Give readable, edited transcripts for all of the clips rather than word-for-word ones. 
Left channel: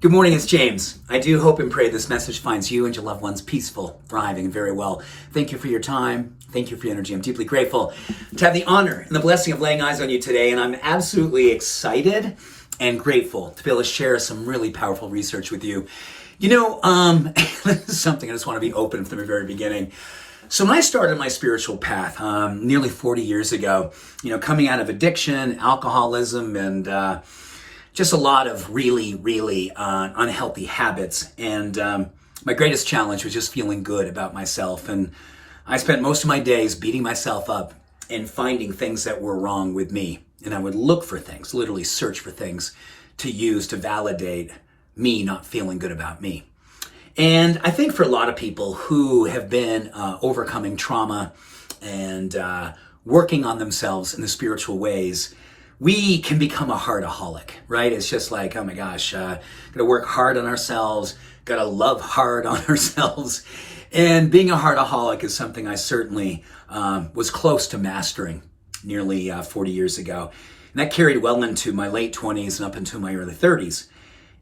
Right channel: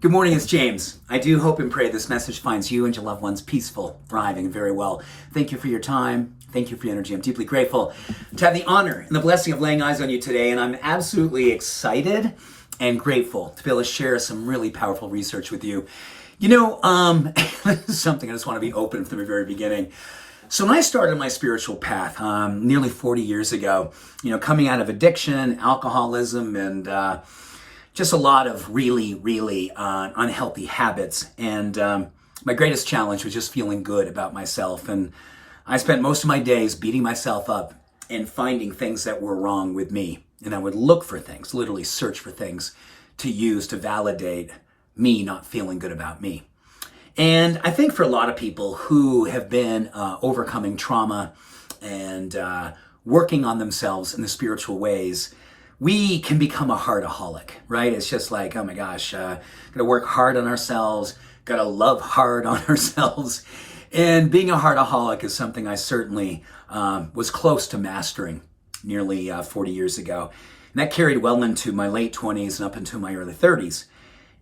Good morning, it's James. I do hope and pray this message finds you and your loved ones peaceful, thriving, and very well. Thank you for your time. Thank you for your energy. I'm deeply grateful to have the honor and the blessing of laying eyes on you today, and I'm absolutely excited and grateful to be able to share some really powerful research with you. This is something I just want to be open from the very beginning. So when I started my spiritual path nearly 40 years ago, coming out of addiction, alcoholism, and just a lot of really unhealthy habits. And my greatest challenge was just feeling good about myself. And I spent most of my days beating myself up and finding things that were wrong with me. And I would look for things, literally search for things to use to validate me not feeling good about me. And I think for a lot of people who have been overcoming trauma and working on themselves in the spiritual ways, we can become a heartaholic, right? It's just like, oh my gosh, gotta work hard on ourselves, gotta love hard on ourselves. And being a heartaholic is something I certainly was close to mastering nearly 40 years ago. And that carried well into my late 20s and up into my early 30s.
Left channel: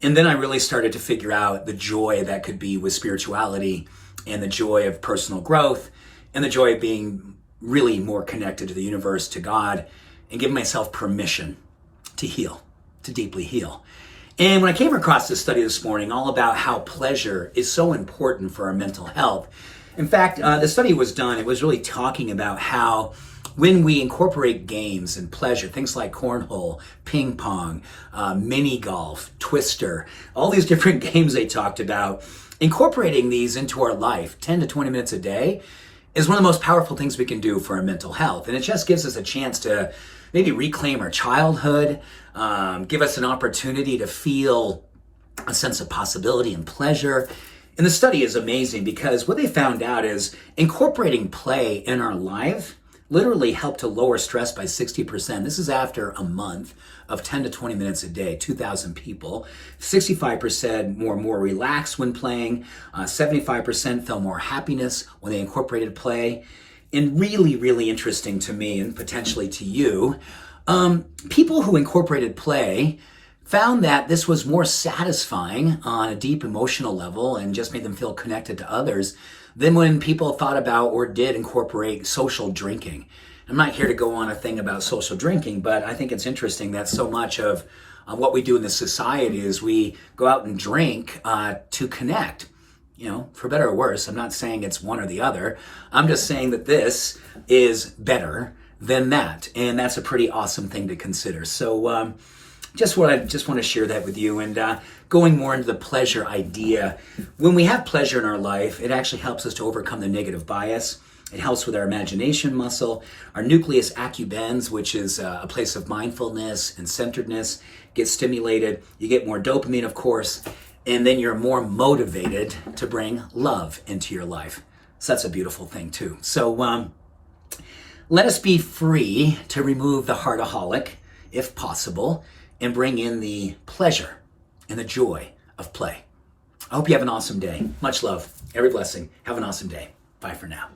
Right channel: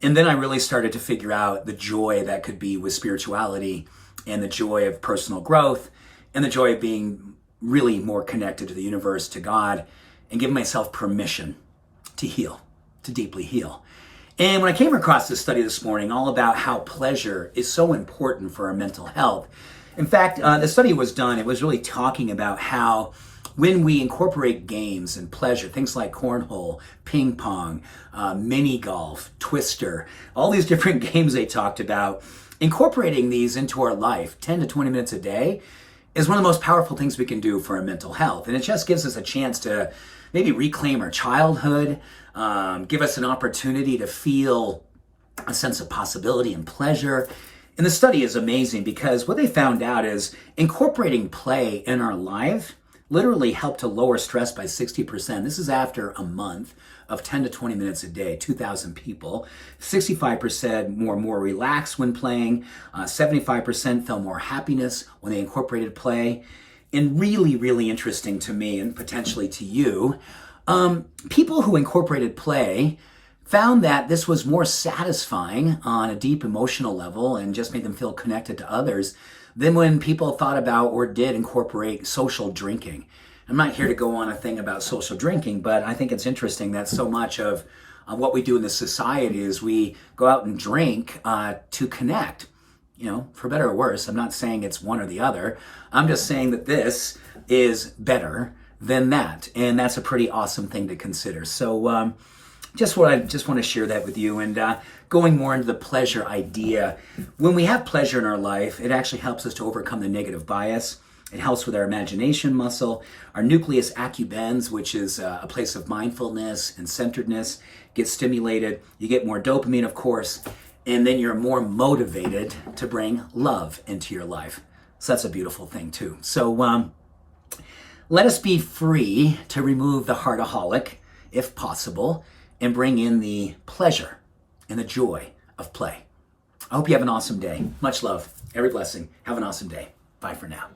And then I really started to figure out the joy that could be with spirituality and the joy of personal growth and the joy of being really more connected to the universe, to God, and give myself permission to heal, to deeply heal. And when I came across this study this morning, all about how pleasure is so important for our mental health. In fact, the study was done, it was really talking about how when we incorporate games and pleasure, things like cornhole, ping pong, mini golf, twister, all these different games they talked about, incorporating these into our life 10 to 20 minutes a day is one of the most powerful things we can do for our mental health. And it just gives us a chance to maybe reclaim our childhood, give us an opportunity to feel a sense of possibility and pleasure. And the study is amazing because what they found out is incorporating play in our life literally helped to lower stress by 60%. This is after a month of 10 to 20 minutes a day, 2,000 people. 65% more relaxed when playing. 75% felt more happiness when they incorporated play. And really interesting to me and potentially to you, people who incorporated play found that this was more satisfying on a deep emotional level and just made them feel connected to others than when people thought about or did incorporate social drinking. I'm not here to go on a thing about social drinking, but I think it's interesting that so much of what we do in this society is we go out and drink to connect. For better or worse, I'm not saying it's one or the other. I'm just saying that this is better than that. And that's a pretty awesome thing to consider. So just want to share that with you. And going more into the pleasure idea, when we have pleasure in our life, it actually helps us to overcome the negative bias. It helps with our imagination muscle. Our nucleus accumbens, which is a place of mindfulness and centeredness, gets stimulated. You get more dopamine, of course. And then you're more motivated to bring love into your life. So that's a beautiful thing too. So let us be free to remove the hardaholic, if possible, and bring in the pleasure and the joy of play. I hope you have an awesome day. Much love. Every blessing. Have an awesome day. Bye for now.